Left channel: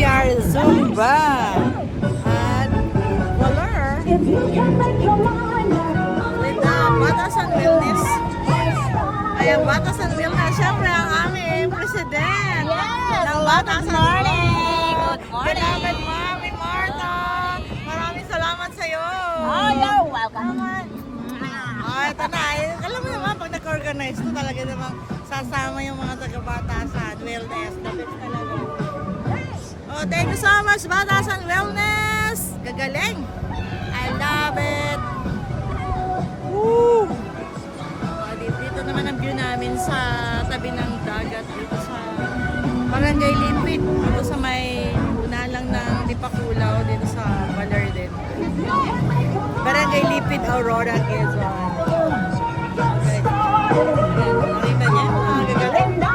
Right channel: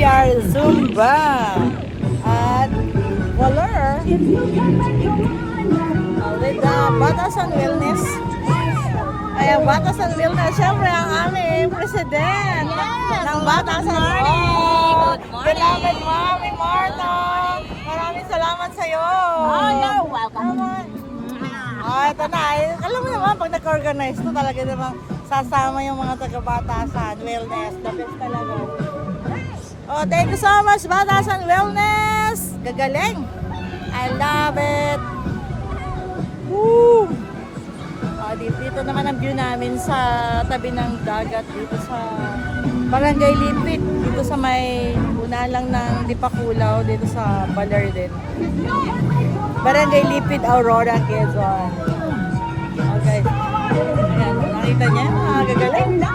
we are Zumba at Waller with Batasan Wellness. Kaya Batasan Wellness, siyempre ang aming president ng Batasan Wellness. Good morning. Beloved Mami Marta, maraming salamat sa iyo. Oh, you're welcome. Ito na. Alam mo naman, pag nag-organize mo, talaga namang sasama yung mga taga-Batasan Wellness. The best talaga. Oh, thank you so much, Batasan Wellness. Gagaling. I love it. Woo! Dito naman ang view namin sa tabi ng dagat dito sa Barangay Lipit. Dito sa may unalang ng Dipakulaw, dito sa Baler din. Barangay Lipit, Aurora, Quezon. Okay. Nakita niya? Gagaling.